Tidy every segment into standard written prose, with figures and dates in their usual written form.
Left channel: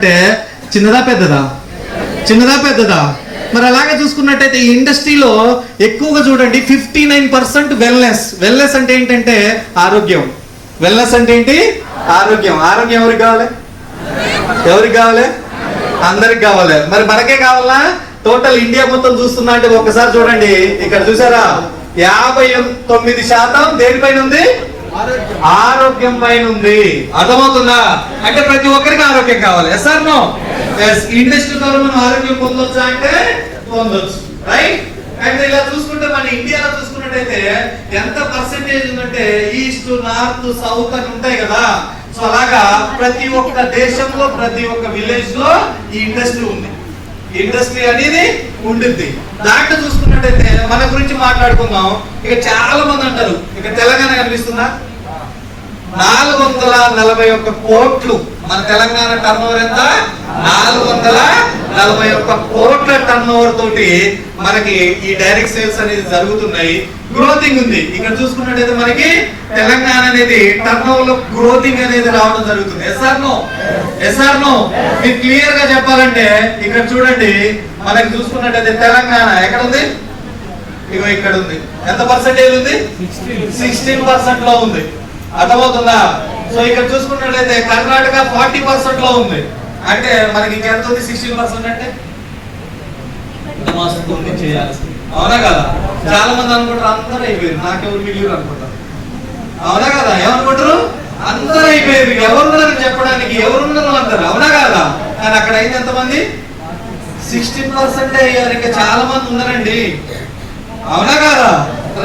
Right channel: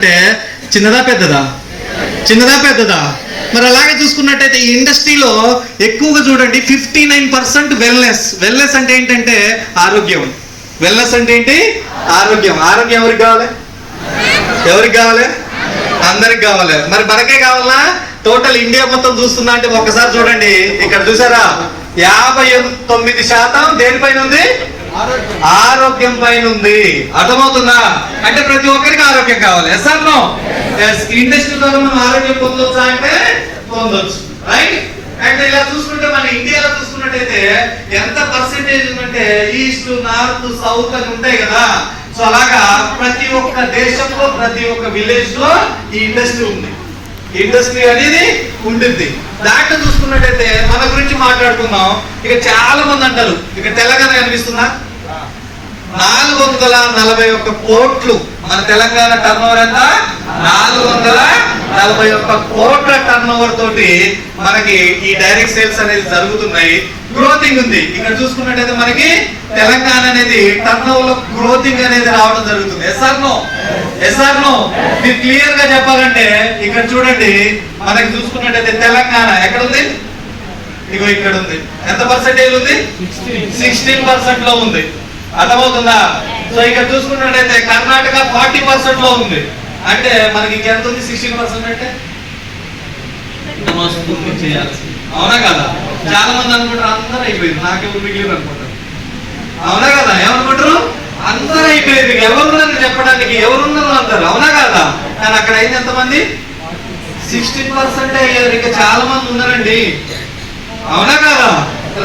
అంటే చిన్నదా పెద్దదా? చిన్నదా పెద్దదా? మరి అలాగే చూసుకున్నట్టయితే ఈ ఇండస్ట్రీలో ఎక్కువగా చూడండి 59% వెల్నెస్ అంటే ఏంటంటే ఆరోగ్యం. వెల్నెస్ అంటే ఏంటి? ఆరోగ్యం. ఆరోగ్యం ఎవరికి కావాలి? ఎవరికి కావాలి? అందరికి కావాలి. మరి మనకే కావాలా? టోటల్ ఇండియా మొత్తం చూస్తున్నా అంటే ఒక్కసారి చూడండి, ఇక్కడ చూసారా 59% దేనిపైన ఉంది? ఆరోగ్యం పైన ఉంది. అర్థమవుతుందా? అంటే ప్రతి ఒక్కరికి ఆరోగ్యం కావాలి. Yes or no? Yes. Industry ద్వారా మనం ఆరోగ్యం పొందొచ్చా అంటే పొందొచ్చు, రైట్? అండ్ ఇలా చూసుకుంటే మన ఇండియాలో చూసుకున్నట్టయితే ఎంత పర్సెంటేజ్ ఉందంటే ఈస్ట్, నార్త్, సౌత్ అని ఉంటాయి కదా. సో అలాగా ప్రతి ఒక్క దేశంలో ప్రతి ఒక్క విలేజ్ లో ఈ ఇండస్ట్రీ ఉంది. ఇండస్ట్రీ అనేది ఉంటుంది. దాంట్లో చూసుకున్నట్టయితే మన గురించి మాట్లాడుకుందాం. ఇక చాలా మంది అంటారు, ఇక తెలంగాణ కనిపిస్తుందా? 441 కోట్లు. మన తెలంగాణ టర్నోవర్ ఎంత? 441 కోట్ల టర్నోవర్ తోటి మనకి ఈ డైరెక్ట్ సేల్స్ అనేది జరుగుతున్నాయి. గ్రోతింగ్ ఉంది. ఇక్కడ చూసుకున్నట్టయితే మనకి తెలంగాణ అనేది టర్నోవర్ లో గ్రోతింగ్ అనేది రావడం జరుగుతుంది. Yes or no? Yes or no? మీరు క్లియర్ గా చెప్పాలంటే ఇక్కడ చూడండి, మనకి చూసుకున్నట్టయితే తెలంగాణ ఎక్కడ ఉంది? ఇగో ఇక్కడ ఉంది. ఎంత పర్సెంటేజ్ ఉంది? 16% లో ఉంది. అర్థమవుతుందా? సో ఇక్కడ చూసుకున్నట్టయితే కర్ణాటక 40% లో ఉంది. అంటే మనకి ఇంకెంత ఉంది? 16% అంటే చేయాలి. అవునా కదా? చాలా మంది అనుకుంటారు అందరూ అయిపోయింది, నాకెవరు మిగిలిరు అనుకుంటారు. అవునా కదా? ఏమనుకుంటారు? అందరూ అయిపోయింది, ఎవరున్నారు చెప్పడానికి, ఎవరున్నారు అంటారు. అవునా కదా? కానీ అక్కడ అయితే ఎంతమంది? 16% అయ్యారు. ఇంకా చాలా మంది ఉన్నారండి. అవునా కదా?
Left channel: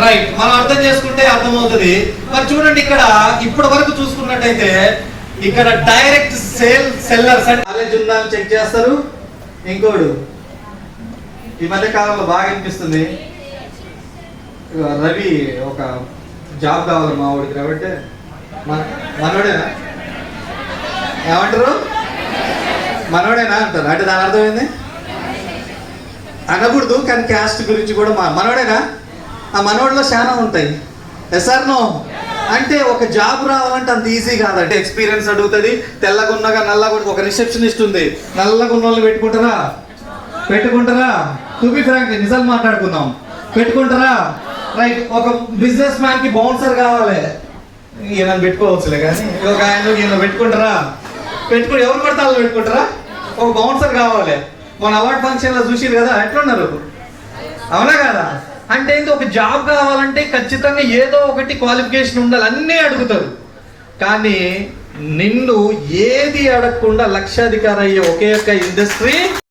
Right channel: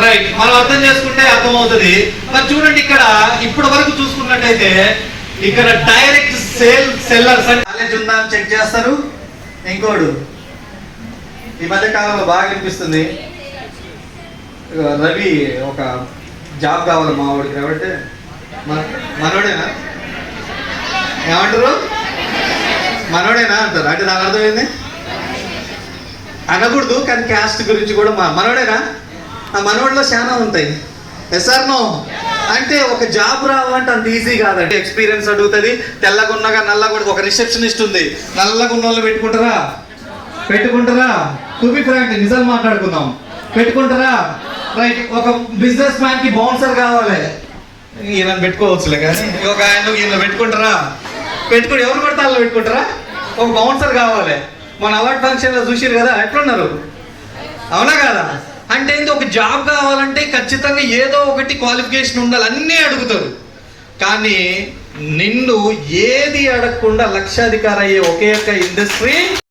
రైట్. మనం అర్థం చేసుకుంటే అర్థమవుతుంది. మరి చూడండి, ఇక్కడ ఇప్పటి వరకు చూసుకున్నట్టయితే ఇక్కడ డైరెక్ట్ సెల్లర్స్ అంటే కాలేజ్ ఉందా అని చెక్ చేస్తారు. ఇంకోడు ఈ మధ్య కాలంలో బాగా అనిపిస్తుంది, రవి ఒక జాబ్ కావాలి మా వాడికి. కాబట్టి మనోడేనా? ఏమంటారు? మనోడేనా అంటారు. అంటే దాని అర్థమైంది అనకూడదు, కానీ క్యాస్ట్ గురించి కూడా మనోడేనా? ఆ మనోడిలో చాలా ఉంటాయి. Yes or no? అంటే ఒక జాబ్ రావాలంటే అంత ఈజీ కాదంటే ఎక్స్పీరియన్స్ అడుగుతుంది. తెల్లగున్నగా నల్లగా ఒక రిసెప్షనిస్ట్ ఉంది, నల్లగా ఉన్న వాళ్ళు పెట్టుకుంటారా? టు బి ఫ్రాంక్, నిజాలు మాట్లాడుకుందాం, పెట్టుకుంటారా? రైట్. ఒక బిజినెస్ మ్యాన్ కి బౌన్సర్ కావాలి, ఈయన పెట్టుకోవచ్చులే, కానీ ఒక ఆయన ఈయన పెట్టుకుంటారా? ఎవరు పడితే వాళ్ళు పెట్టుకుంటారా? ఒక బౌన్సర్ కావాలి. మన అవార్డ్ ఫంక్షన్ లో చూసిరు కదా, ఎట్లున్నారు? అవునా కదా? అంటే ఒక జాబ్ కావాలంటే ఖచ్చితంగా ఏదో ఒకటి క్వాలిఫికేషన్ ఉండాలి, అన్నీ అడుగుతారు. కానీ నిన్ను ఏది అడగకుండా లక్షాధికారి అయ్యే ఒకే ఒక్క ఇండస్ట్రీ